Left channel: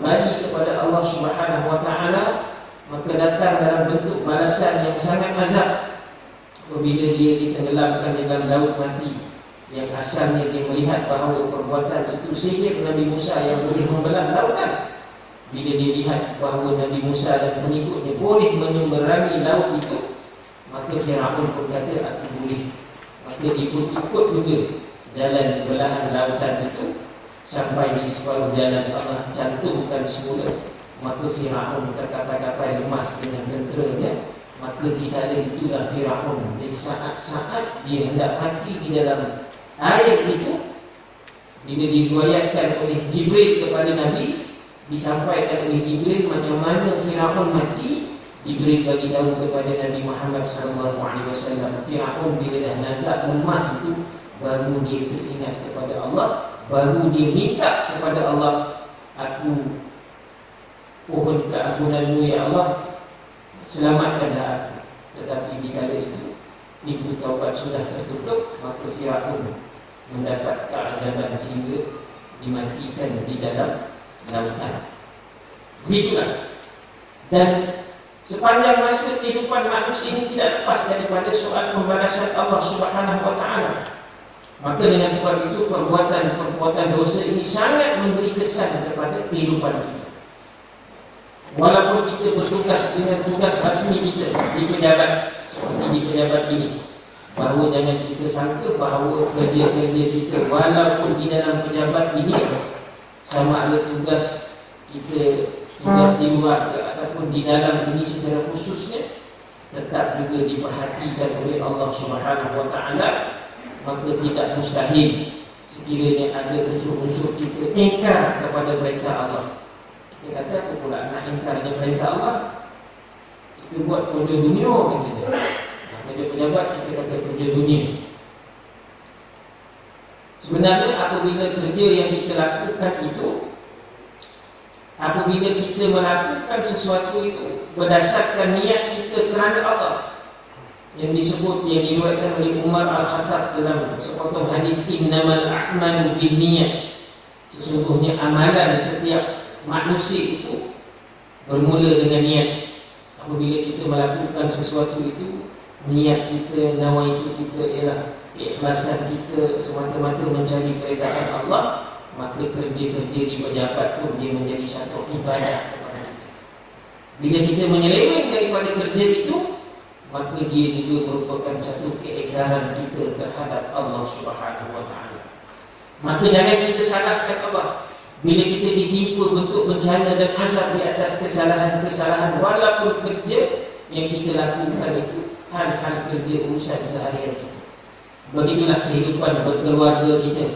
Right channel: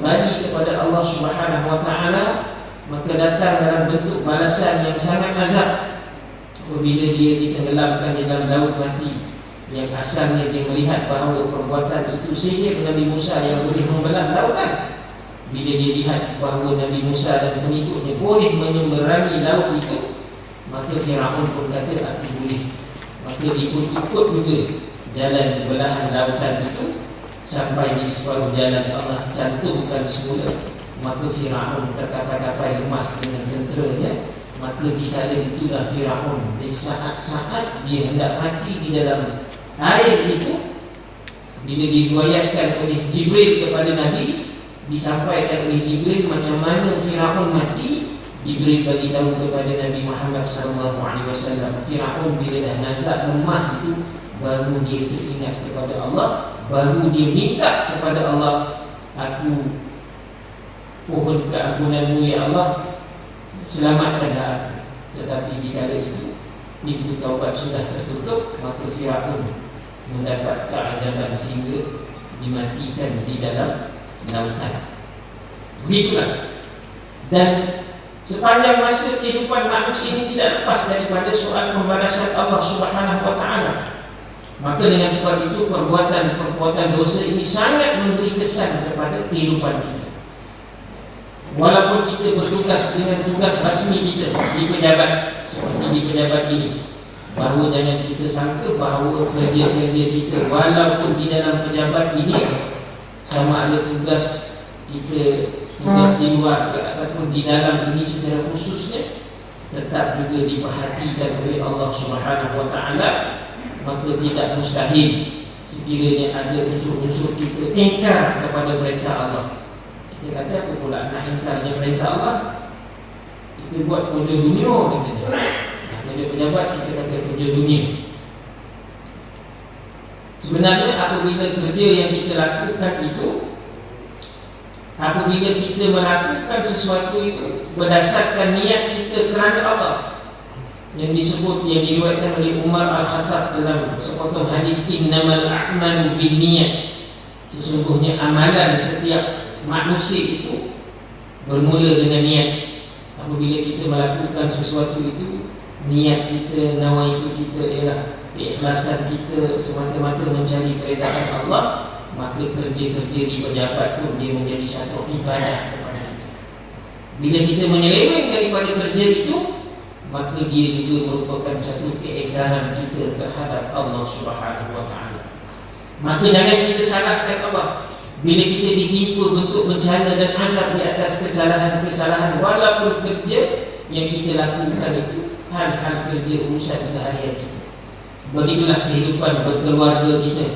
kembali kepada Allah Subhanahu wa taala, maka datang dalam bentuk balasan yang sangat azab apabila dia ditenggelamkan di dalam laut mati, yang asalnya dia melihat bahawa perbuatan itu sihir Nabi Musa yang boleh membelah lautan. Bila dia lihat bahawa Nabi Musa dan pengikutnya boleh menyeberangi laut itu, maka Firaun pun kata aku boleh. Maka dia pun ikut juga jalan belahan lautan itu sampai di separuh jalan Allah cantumkan semula. Maka Firaun terkapai-kapai lemas dengan tenteranya. Maka di kala itulah Firaun, di saat-saat dia hendak mati di dalam air itu, bila diriwayatkan oleh Jibril kepada Nabi, disampaikan oleh Jibril macam mana Firaun mati. Jibril bagi tahu kepada Nabi Muhammad SAW, Firaun bila dah nazak lemas itu, baru dia teringat kepada Allah, baru dia minta kepada Allah, aku pohon keampunanmu ya Allah, selamatkanlah aku. Tetapi di kala itu pintu taubat sudah tertutup, maka Firaun mendapat keazaban sehingga dimatikan di dalam lautan. Begitulah. Dan sepanjang masa kehidupan manusia ini tidak lepas daripada soal pembalasan Allah Subhanahu wa taala. Maka dengan sebab itu perbuatan dosa ini sangat memberi kesan kepada kehidupan kita. Walaupun kita bertugas dengan tugas rasmi kita di pejabat, seperti di pejabat ini, bahawa jangan kita sangka bahawa kerja-kerja kita walaupun di dalam pejabat ini sama ada tugas kita tugas di luar ataupun di dalam ini secara khususnya tetap juga diperhatikan oleh Allah Subhanahu wa taala. Maka tidak mustahil sekiranya ada unsur-unsur kita ingkar kepada perintah Allah. Kita kata apa pula nak ingkarnya perintah Allah? Kita buat kerja dunia katanya. Kerja pejabat kita kata kerja dunia. Sebenarnya apabila kerja yang kita lakukan itu, apabila kita melakukan sesuatu itu berdasarkan niat kita kerana Allah, yang disebut, yang diriwayatkan oleh Umar Al-Khattab dalam sepotong hadis, innamal a'malu binniyat, sesungguhnya amalan setiap manusia itu bermula dengan niat. Apabila kita melakukan sesuatu itu, niat kita, nawaitu kita ialah keikhlasan kita semata-mata mencari keridaan Allah, maka kerja-kerja di pejabat pun dia menjadi satu ibadah kepada kita. Bila kita menyeleweng daripada kerja itu, maka dia juga merupakan satu keingkaran kita terhadap Allah Subhanahu wa taala. Maka jangan kita salahkan Allah bila kita ditimpa bentuk bencana dan azab di atas kesalahan-kesalahan, walaupun kerja yang kita lakukan itu hal-hal kerja urusan seharian kita. Begitulah kehidupan berkeluarga kita.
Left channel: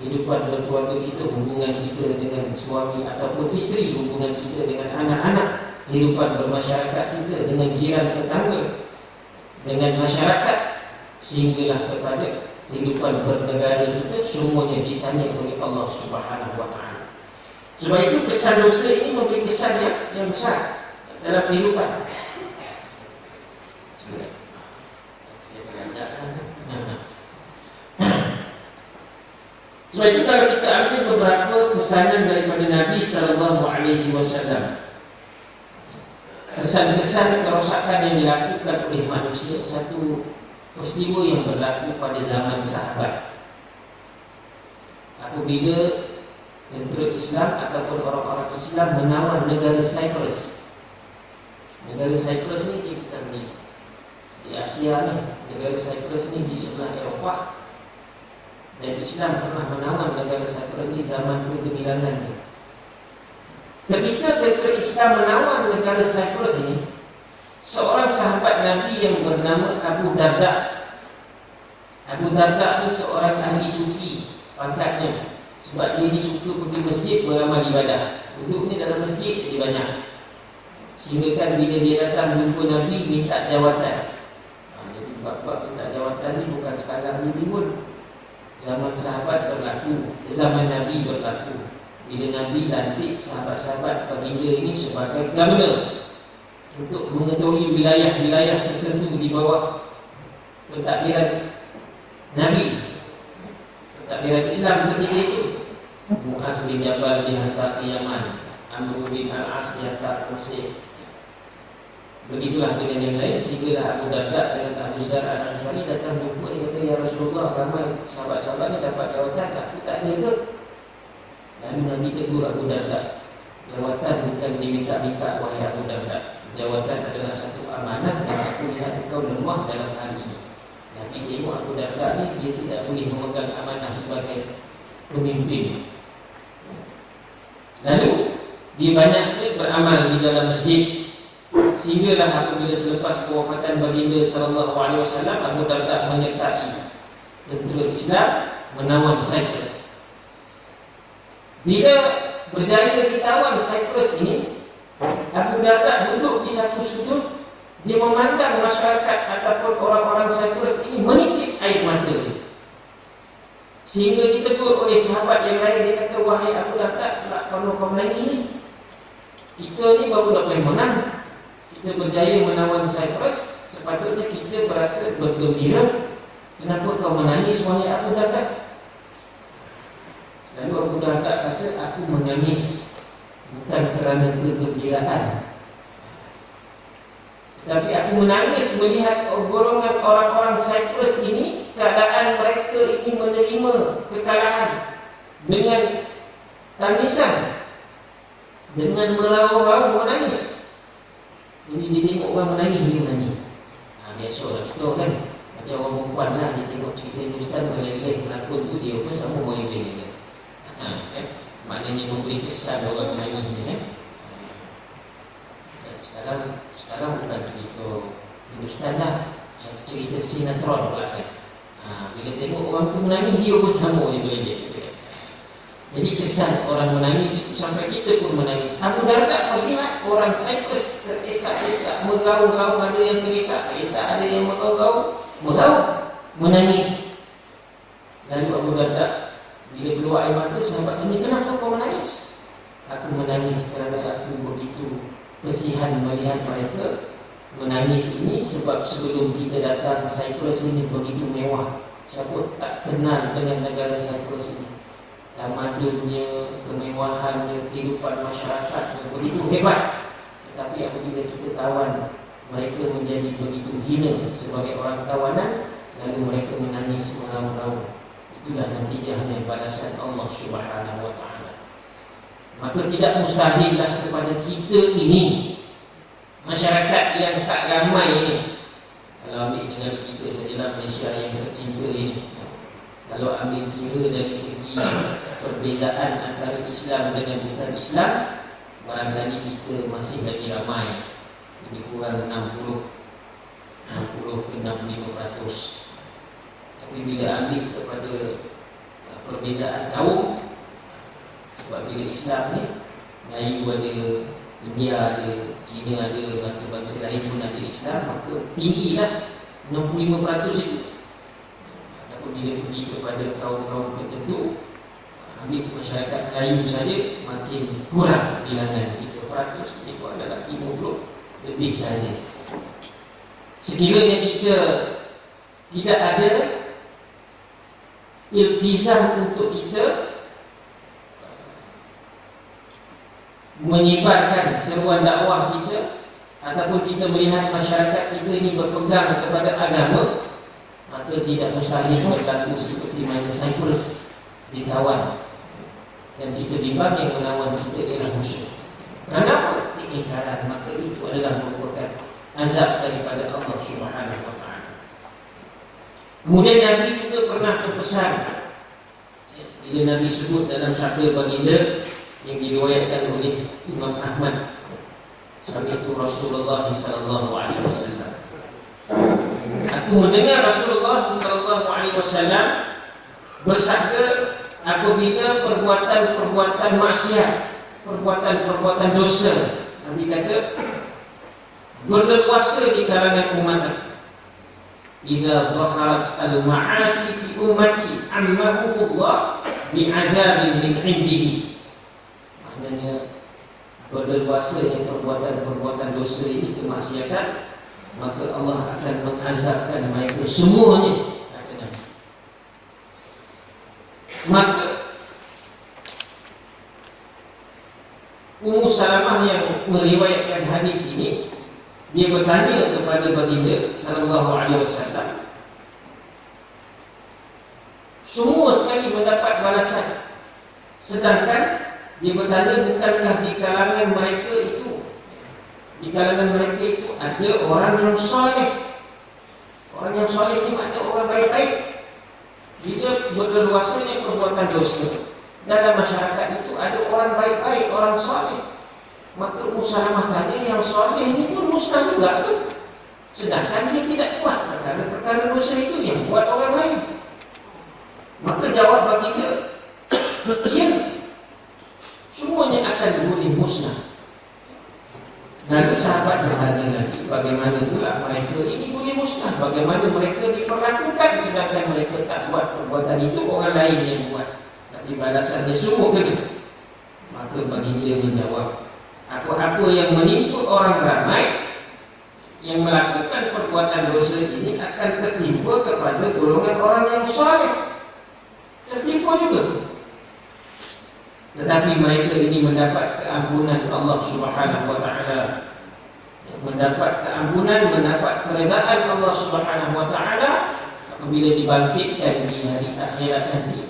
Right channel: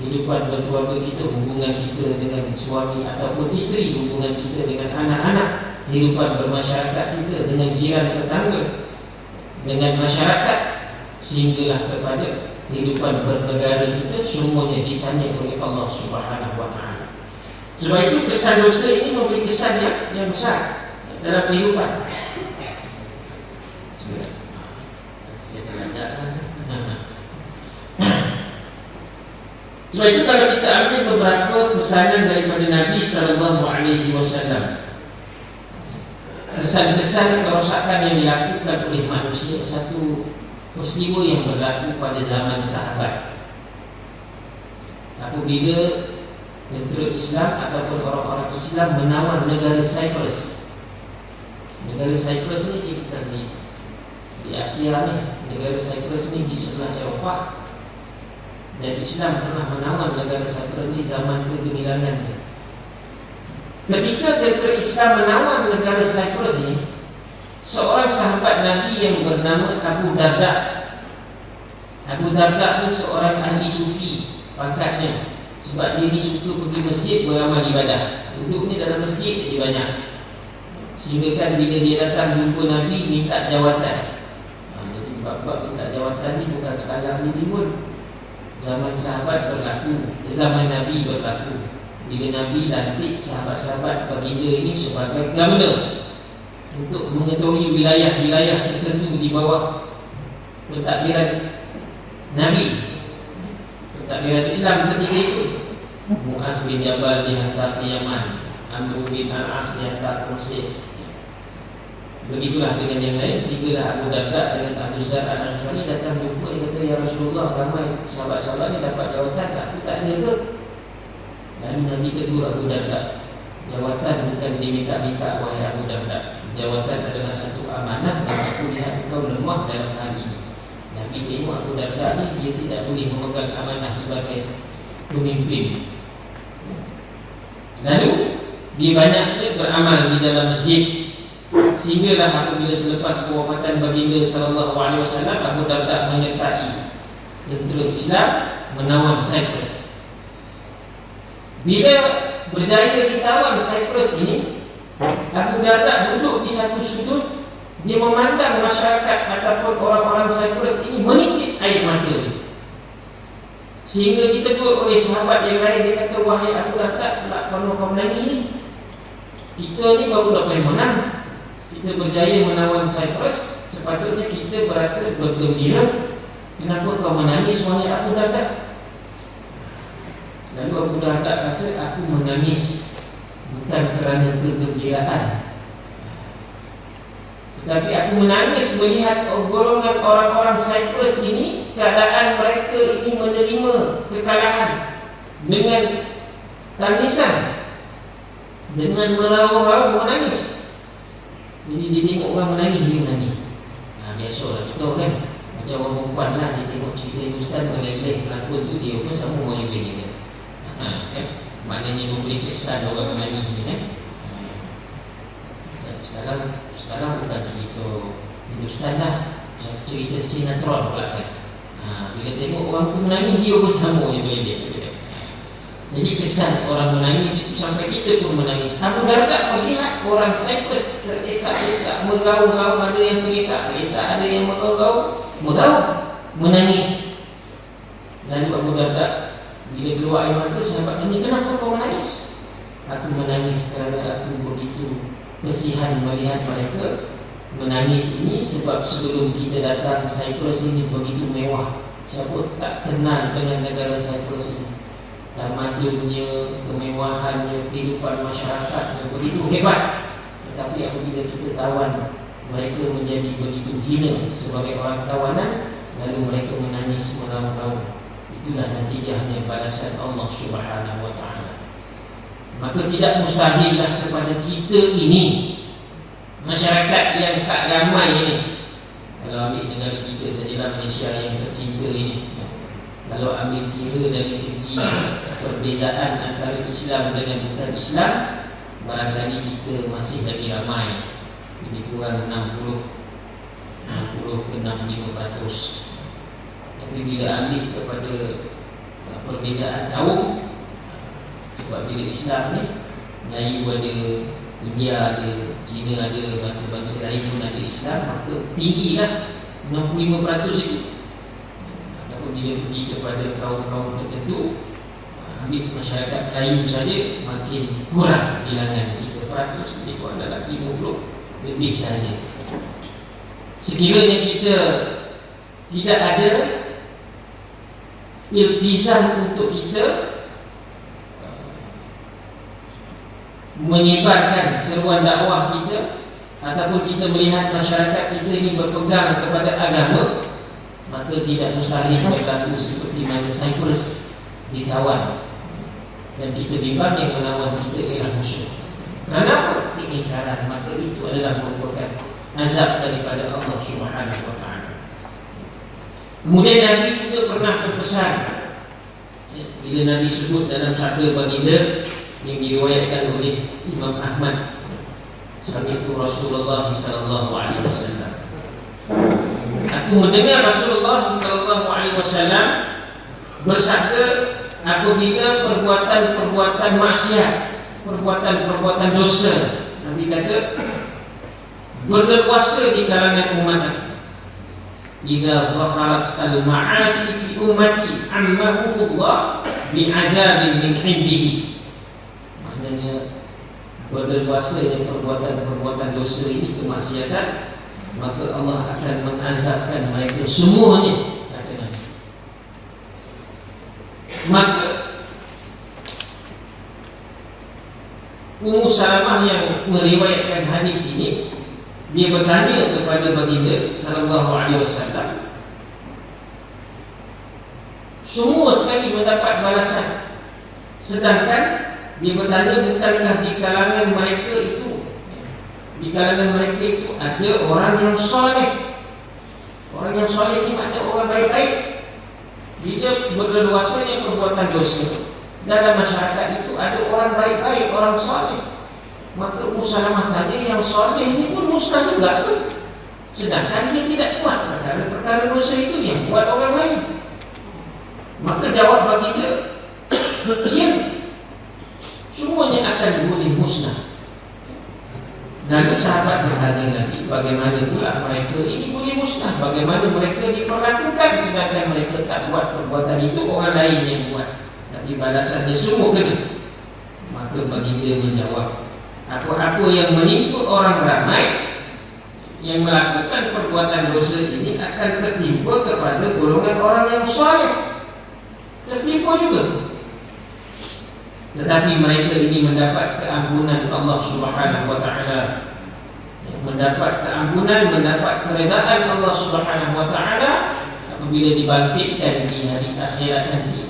Kehidupan berkeluarga kita, hubungan kita dengan suami ataupun isteri, hubungan kita dengan anak-anak, kehidupan bermasyarakat kita dengan jiran tetangga, dengan masyarakat, sehinggalah kepada kehidupan bernegara kita, semuanya ditanya oleh Allah Subhanahu wa taala. Sebab itu kesan dosa ini memberi kesan yang besar dalam kehidupan. Sebab itu kalau kita ambil beberapa pesanan daripada Nabi SAW, kesan-kesan kerosakan yang dilakukan oleh manusia, satu peristiwa yang berlaku pada zaman sahabat. Apabila tentera Islam ataupun orang-orang Islam menawan negara Cyprus. Negara Cyprus ni bukan di Asia ni. Negara Cyprus ni di sebelah Eropah. Dan Islam pernah menawan negara Cyprus ni zaman kegemilangan ni. Ketika tentera Islam menawan negara Cyprus ini, seorang sahabat Nabi yang bernama Abu Darda. Abu Darda ni seorang ahli sufi pangkatnya, sebab dia ni suka pergi masjid beramal ibadah. Duduk ni dalam masjid dia banyak. Sehingga kan bila dia datang jumpa Nabi minta jawatan. Jadi bab-bab minta jawatan ni bukan sekarang ni pun. Zaman sahabat berlaku, zaman Nabi berlaku. Bila Nabi lantik sahabat-sahabat baginda ini sebagai governor untuk mengetahui wilayah-wilayah tertentu di bawah pentadbiran Nabi, pentadbiran Islam ketika itu. Mu'az bin Jabal dihantar ke Yaman, Amr bin Al-As dihantar ke Mesir. Begitulah dengan yang lain. Sehinggalah Abu Darda dengan Abu Zar Al-Ghifari datang jumpa. Dia kata, ya Rasulullah, ramai sahabat-sahabat ni dapat jawatan, aku tak ada ke? Lalu Nabi tegur Abu Darda, jawatan bukan diminta-minta wahai Abu Darda. Jawatan adalah satu amanah dan aku lihat engkau lemah dalam hal ini. Nabi tengok Abu Darda ni, dia tidak boleh memegang amanah sebagai pemimpin. Lalu dia banyak beramal di dalam masjid. Sehinggalah apabila selepas kewafatan baginda sallallahu alaihi wasallam, Abu Darda menyertai tentera Islam menawan Cyprus. Bila berjaya ditawan Cyprus ini, Abu Darda duduk di satu sudut. Dia memandang masyarakat ataupun orang-orang Cyprus ini menitis air mata dia. Sehingga ditegur oleh sahabat yang lain. Dia kata, wahai Abu Darda, kalau kau menangis ni, kita ni baru nak boleh menang. Kita berjaya menawan Cyprus, sepatutnya kita berasa bergembira. Kenapa kau menangis wahai Abu Darda? Lalu Abu Darda kata, aku menangis bukan kerana kegembiraan, tetapi aku menangis melihat golongan orang-orang Cyprus ini, keadaan mereka ini menerima kekalahan dengan tangisan, dengan meraung-raung menangis. Jadi dia tengok orang menangis, dia menangis. Biasalah kita kan, macam orang perempuan lah, dia tengok cerita Hindustan meleleh pelakon tu, dia pun sama meleleh dia kan. Maknanya memberi kesan orang menangis ni kan. Sekarang bukan cerita Hindustan lah, cerita sinetron pula kan. Bila tengok orang tu menangis, dia pun sama je meleleh. Jadi kesan orang menangis itu sampai kita pun menangis. Abu Darda melihat orang Cyprus teresak-esak, mengaung-gaung, ada yang terisak-esak, ada yang mengaung-gaung, menangis. Lalu Abu Darda bila keluar air mata, sahabat tanya, kenapa kau menangis? Aku menangis kerana aku begitu kesihan melihat mereka menangis ini, sebab sebelum kita datang Cyprus ini begitu mewah. Siapa tak kenal dengan negara Cyprus ini? Tamadunnya, kemewahannya, kehidupan masyarakatnya begitu hebat. Tetapi apabila kita tawan, mereka menjadi begitu hina sebagai orang tawanan, lalu mereka menangis meraung-raung. Itulah natijahnya balasan Allah Subhanahu wa ta'ala. Maka tidak mustahillah kepada kita ini, masyarakat yang tak ramai ini, kalau ambil negara kita sajalah, Malaysia yang tercinta ini, kalau ambil kira dari segi perbezaan antara Islam dengan bukan Islam, barangkali kita masih lagi ramai, lebih kurang 60 ke 65%. Tapi bila ambil kepada perbezaan kaum, sebab bila Islam ni, Melayu ada, India ada, Cina ada, bangsa-bangsa lain pun ada Islam, maka tinggilah 65% itu. Bila pergi kepada kaum-kaum tertentu, ambil masyarakat Melayu saja, makin kurang bilangan 3%, itu adalah 50 lebih saja. Sekiranya kita tidak ada iltizam untuk kita menyebarkan seruan dakwah kita, ataupun kita melihat masyarakat kita ini berpegang kepada agama, maka tidak mustahil berlaku seperti mana Cyprus ditawan dan kita bimbang yang menawan kita ialah musuh. Kenapa? Keingkaran. Maka itu adalah merupakan azab daripada Allah Subhanahu wa ta'ala. Kemudian Nabi juga pernah berpesan, bila Nabi sebut dalam sabda baginda yang diriwayatkan oleh Imam Ahmad, sami'tu Rasulullah sallallahu alaihi wasallam, aku mendengar Rasulullah sallallahu alaihi wasallam bersabda, apabila perbuatan-perbuatan maksiat, perbuatan-perbuatan dosa, Nabi kata, berleluasa di kalangan umat, idza zaharat al-ma'asi fi ummati ammahumullah bi'adzabin min 'indihi. Maknanya berleluasanya perbuatan-perbuatan dosa ini, kemaksiatan, maka Allah akan mengazabkan mereka semuanya, kata Nabi. Maka Ummu Salamah yang meriwayatkan hadis ini, dia bertanya kepada baginda sallallahu alaihi wasallam. Semua sekali mendapat balasan. Sedangkan dia bertanya, bukankah di kalangan mereka itu ada orang yang soleh? Orang yang soleh ini maknanya orang baik-baik. Bila berleluasanya perbuatan dosa dalam masyarakat itu ada orang baik-baik, orang soleh, maka Ummu Salamah tanya, yang soleh ini pun musnah juga tu. Sedangkan dia tidak buat perkara-perkara dosa itu, yang buat orang lain. Maka jawab baginda, ya, semuanya akan boleh musnah. Lalu sahabat bertanya lagi, bagaimana pula mereka ini boleh musnah? Bagaimana mereka diperlakukan sedangkan mereka tak buat perbuatan itu, orang lain yang buat, tapi balasannya semua kena? Maka baginda menjawab, apa-apa yang menimpa orang ramai yang melakukan perbuatan dosa ini akan tertimpa kepada golongan orang yang soleh. Tertimpa juga. Tetapi mereka ini mendapat keampunan Allah Subhanahu wa taala. Mendapat keampunan, mendapat keredaan Allah Subhanahu wa taala apabila dibangkitkan di hari akhirat nanti.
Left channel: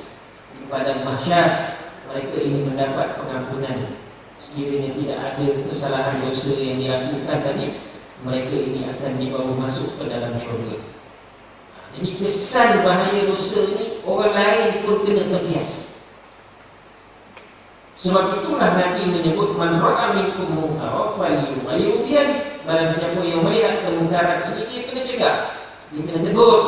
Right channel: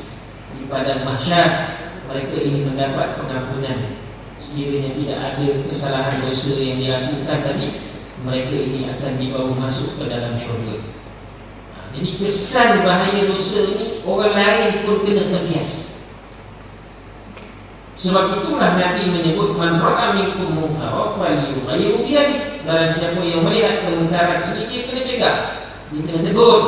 Di padang mahsyar, mereka ini mendapat pengampunan. Sekiranya tidak ada kesalahan dosa yang dilakukan tadi, mereka ini akan dibawa masuk ke dalam syurga. Jadi kesan bahaya dosa ini orang lain pun kena terbias. Sebab itulah Nabi menyebut, man ra'a minkum munkaran falyughayyirhu biyadihi. Barang siapa yang melihat kemungkaran ini, dia kena cegah, dia kena tegur,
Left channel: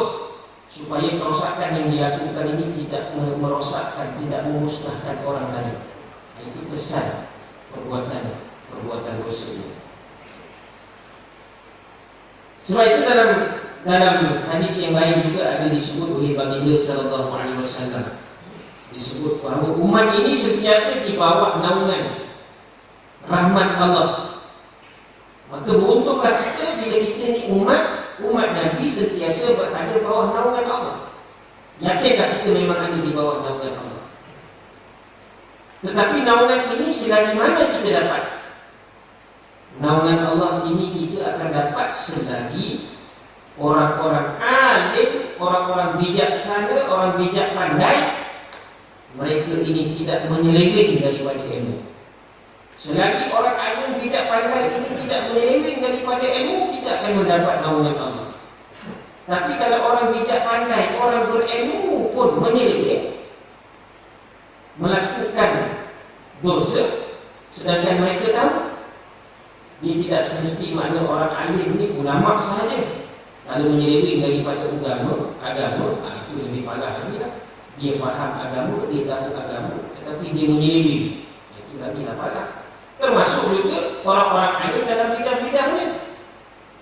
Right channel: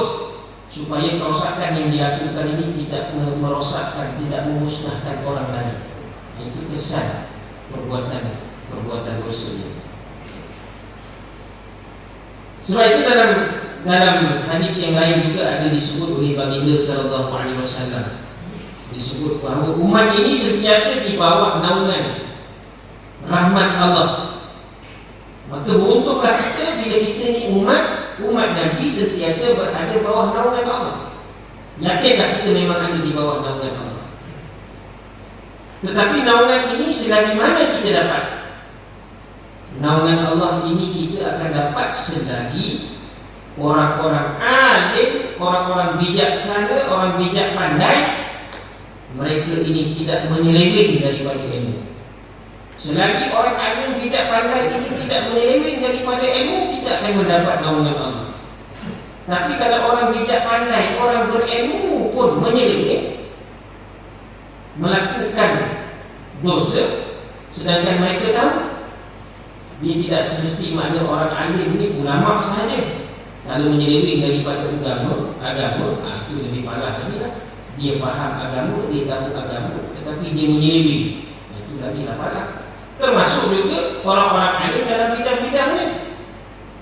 supaya kerosakan yang dilakukan ini tidak merosakkan, tidak memusnahkan orang lain. Itu kesan perbuatan dosa ini. Sebab itu dalam hadis yang lain juga ada disebut oleh baginda sallallahu alaihi wasallam, disebut bahawa umat ini sentiasa di bawah naungan rahmat Allah. Maka beruntunglah kita bila kita ni umat Nabi sentiasa berada bawah naungan Allah. Yakinlah kita memang ada di bawah naungan Allah. Tetapi naungan ini selagi mana kita dapat? Naungan Allah ini kita akan dapat selagi orang-orang alim, orang-orang bijaksana, orang bijak pandai, mereka ini tidak menyeleweng daripada ilmu. Selagi orang alim bijak pandai ini tidak menyeleweng daripada ilmu, kita akan mendapat naungan Allah. Tapi kalau orang bijak pandai, orang berilmu pun menyeleweng, melakukan dosa, sedangkan mereka tahu, dia tidak semestinya orang alim ini ulama sahaja. Kalau menyeleweng daripada agama, itu lebih parah lagi lah. Dia faham agama, dia tahu agama, tetapi dia menyeleweng, itu lagi lah parah. Termasuk juga orang-orang alim dalam bidang-bidangnya.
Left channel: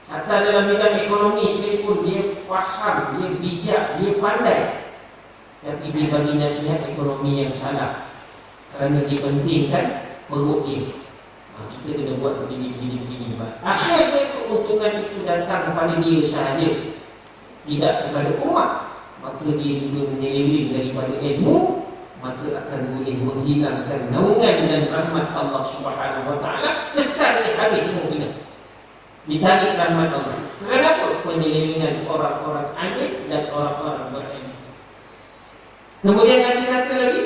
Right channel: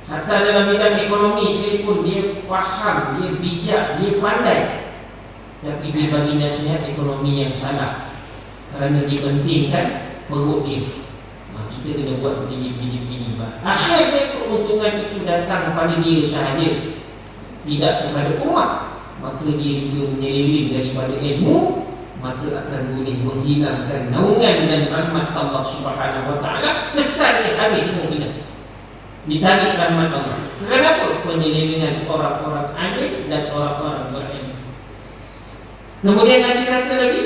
Hatta dalam bidang ekonomi sekalipun, dia faham, dia bijak, dia pandai, tapi dia bagi nasihat ekonomi yang salah kerana dipentingkan perut dia. Kita kena buat begini. Akhirnya keuntungan itu datang kepada dia sahaja, tidak kepada umat. Maka dia juga menyeleweng daripada ilmu, maka akan boleh menghilangkan naungan dan rahmat Allah Subhanahu wa taala. Kesannya habis semua kena ditarik rahmat Allah. Kenapa? Penyelewengan orang-orang alim dan orang-orang berilmu. Kemudian Nabi kata lagi,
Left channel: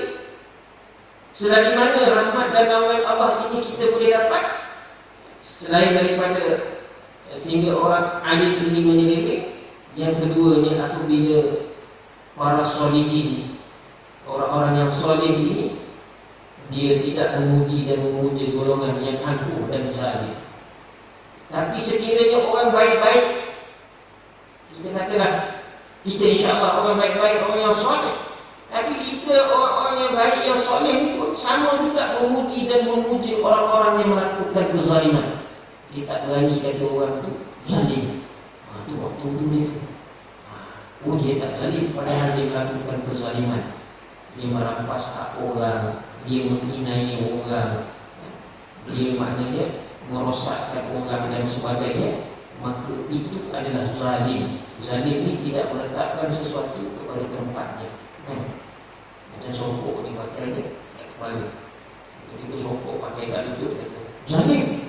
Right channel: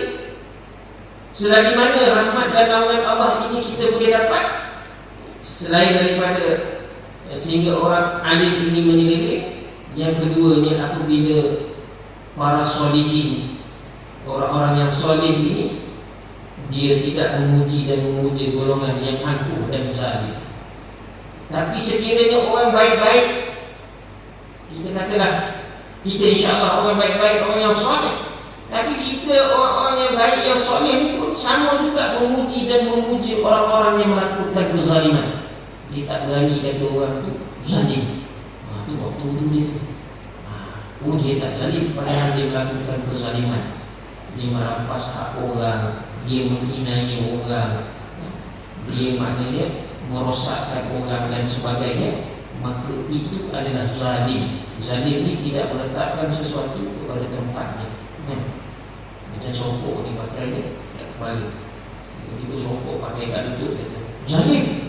selagi mana rahmat dan naungan Allah ini kita boleh dapat, selain daripada sehingga orang alim ini menyeleweng, yang keduanya apabila para solihin, orang-orang yang soleh ini, dia tidak memuji dan memuja golongan yang angkuh dan zalim. Tapi sekiranya orang baik-baik, kita katalah kita insya-Allah orang baik-baik, orang yang soleh, tapi kita orang-orang yang baik, yang soleh ni pun sama juga memuji dan memuja orang-orang yang melakukan kezaliman. Dia tak berani kata orang tu zalim. Tu waktu tu dia tu. Dia tak zalim padahal dia melakukan kezaliman. Dia merampas hak orang, dia menghinai orang, dia maknanya merosakkan orang dan sebagainya. Maka itu adalah zalim. Zalim ni tidak meletakkan sesuatu kepada tempatnya. Macam sokok ni pakainya kat kepala, begitu songkok pakai kat lutut kata, "Zalim."